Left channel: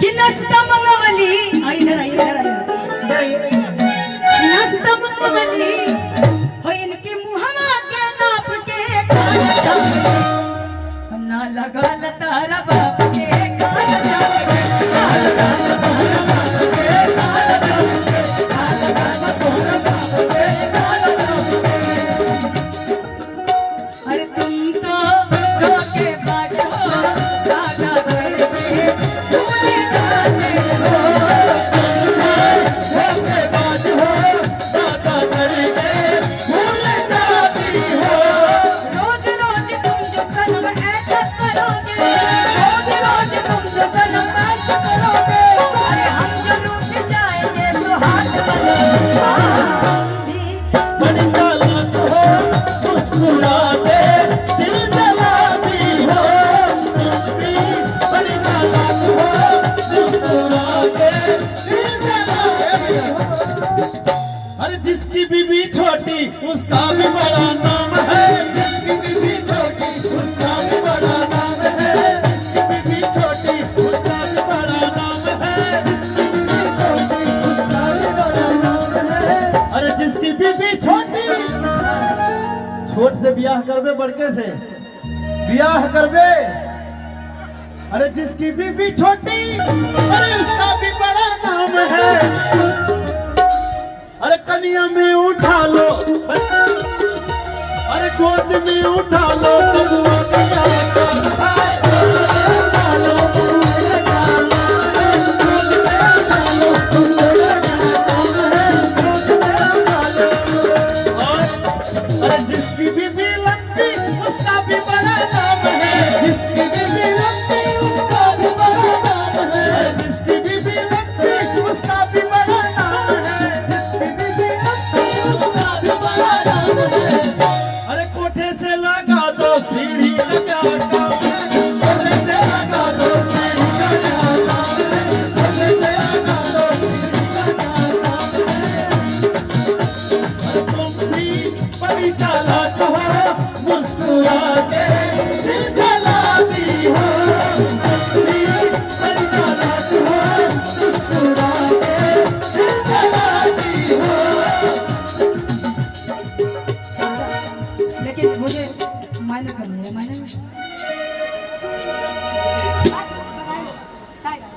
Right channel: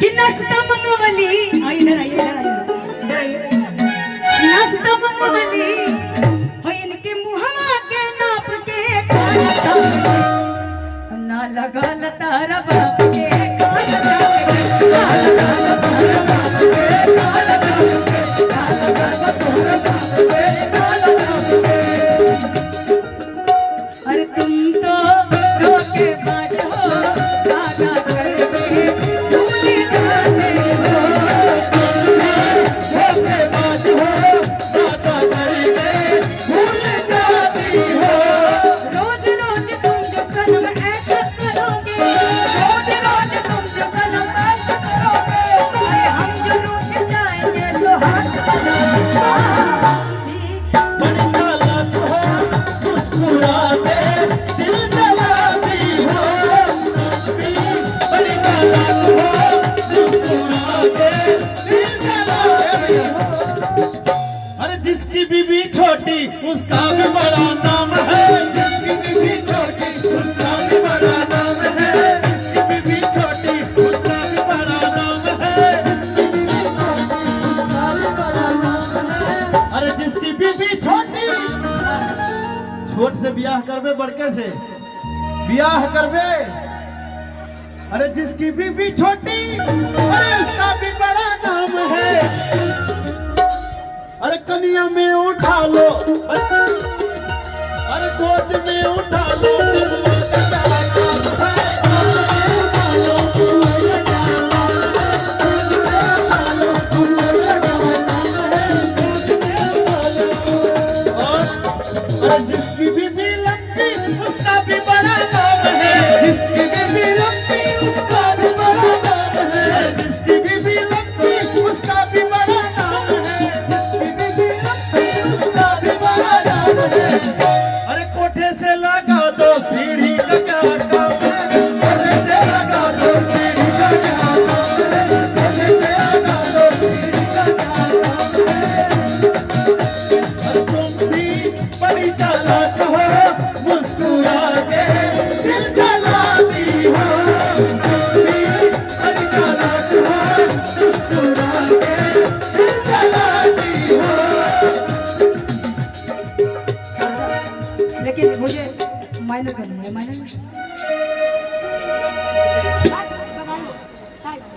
कि नाश्ता मंगवली आई ना नाश्ता मंगवली हो इनके मुहवा के नाप के ना लगल तारा बाप के कान अरे तुम तो रोके बाज हो गाना घर में भूल जाते हो रोके बाज हो गाना घर में भूल जाती हो रोज रोज तुम जो सनम ऐसा करोगे रोज रोज तुम जो सनम ऐसा करोगे अरे हम जो रूठ जाएंगे तो हाथ जिसकी बीबी छोटी उसका भी बड़ा नाम है जिसकी बीबी छोटी उसका भी बड़ा नाम है जिसकी बीबी छोटी उसका भी बड़ा नाम है अरे जिसकी बीबी छोटी छोट से ब्याह करबे बड़के से ब्याह करबे अरे जिसकी बीबी छोटी अरे उसका भी बड़ा नाम है अरे कन्या में उठा लो अरे गोद में उठा लो